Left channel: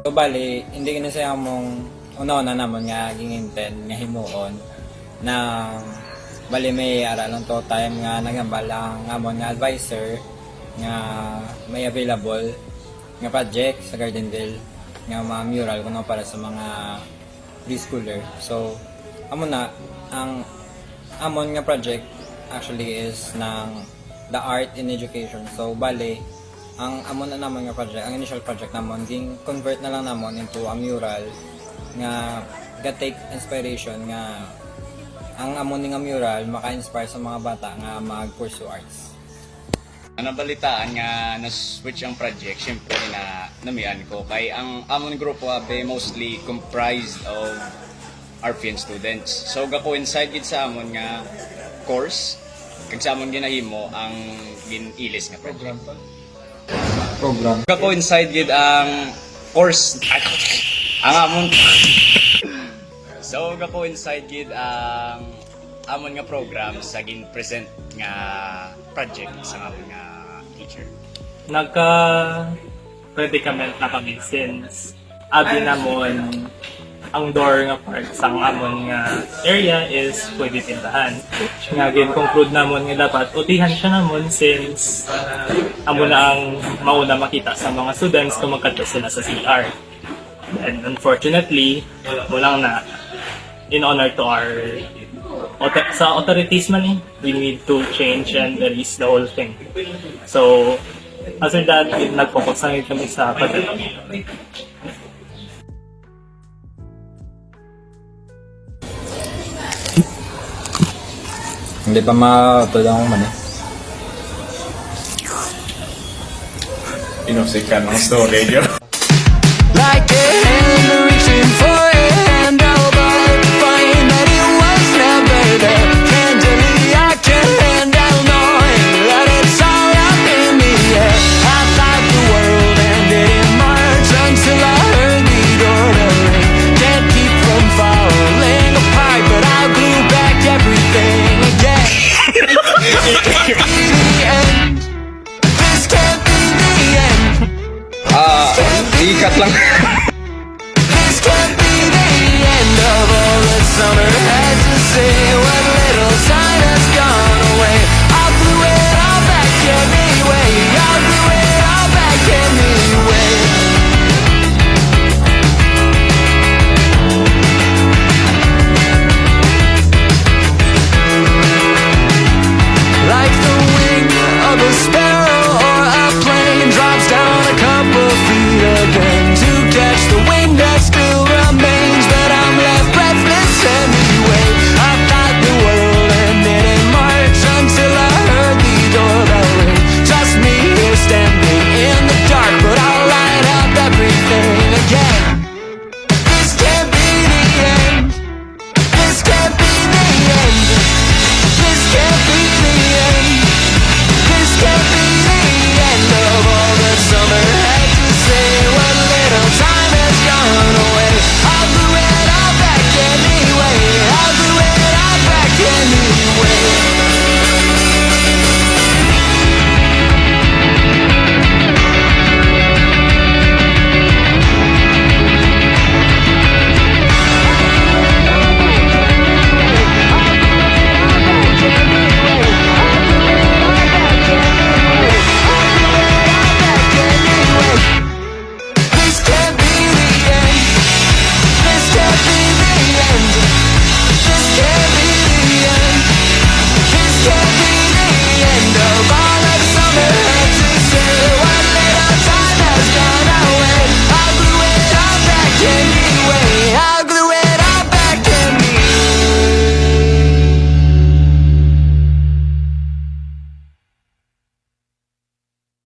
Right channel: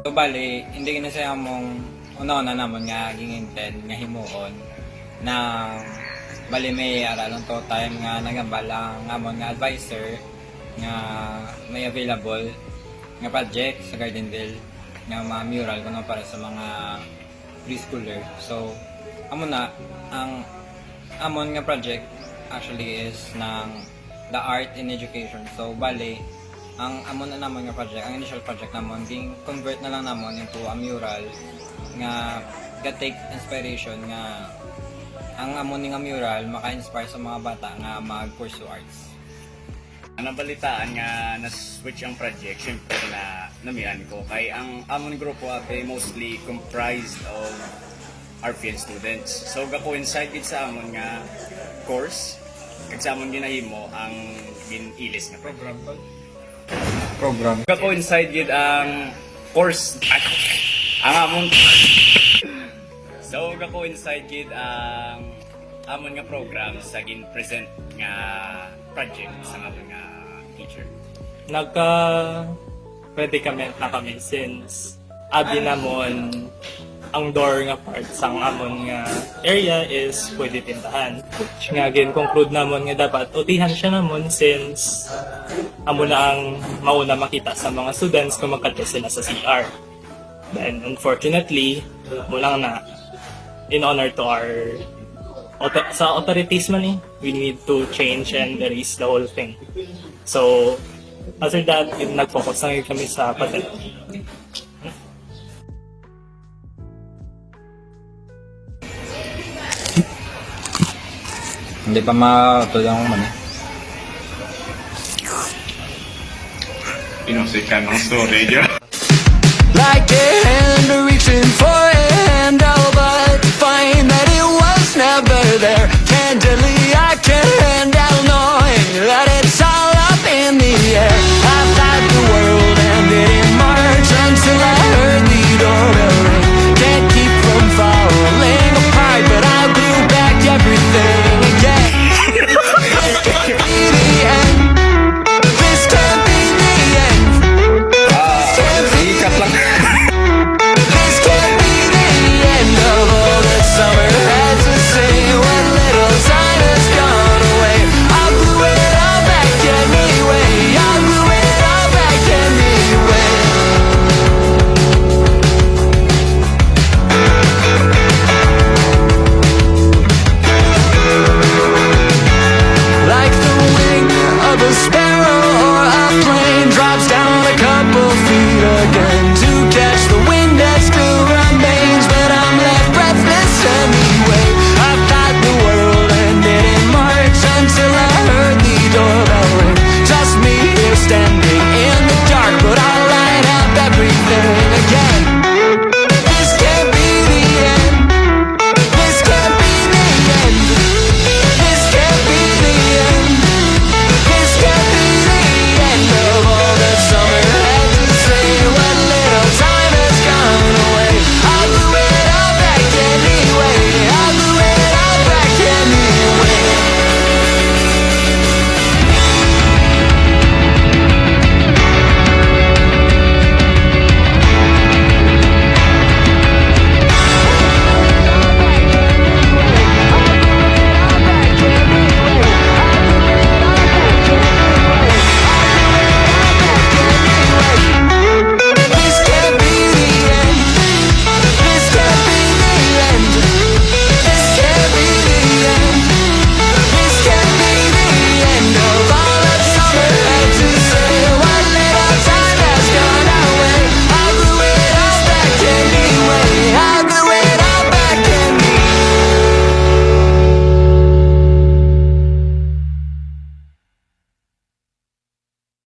So bali, hindi na siya mong una-una naman nga ginginten nga himuon na bali may aranong to time nga nagambal ang amon nga advisor nga may available nga project sa Gardenville nga mga mural kuno para sa mga preschooler. So amon na ang amon nga project actually is ng the art in education. So bali ang amon na namon nga project, ang initial project namon ging convert na lang namon into a mural nga take inspiration nga ang amon nga mural maka-inspire sa mga bata nga mag-pursue arts. Anong balitaan nga na-switch ang project, syempre na namihan ko kay ang amon grupo ate mostly comprised of RPN students. So ga-coincide gid sa amon nga course kag sa amon ginahimo ang ginilis nga program. Ga-coincide gid ang course ang amon so ga-coincide gid ang amon nga program sa gin-present nga project sa amon nga teacher. Nagka-predicament na kami since abi namon ang door nga part sa amon nga area is pwede tindahan. Nga gin-conclude namon nga dapat utihan siya namon since amo na ang mauna makita sa mga students kung magkadto sila sa CR. And unfortunately, walang na in honor to our sa authorities man we need to change and release the whole thing. So, after that, nag-focus na rin kami sa pagdating. Hindi pa matulong mo man eh. Inosik ka ng storage. Like a hand reaching for a handle, but find that it was never there. Candidly, I can't handle knowing that it's all up in the air. I thought the world ended in March until I heard the doorbell ring. Can't keep from falling apart, but I'll glue back everything again. Be the end. This can't be the end. Can't be the end. This can't be the end of all that summer had to say. What little time has gone away. I'll glue it all back anyway. I'll glue it all back anyway. Like the wing of a sparrow or a plane drops down a couple feet again to catch the wind that still remains, but I'm left breathless anyway. I thought the world ended in March until I heard the doorbell ring. Just me here standing in the dark, but I'll light up everything again.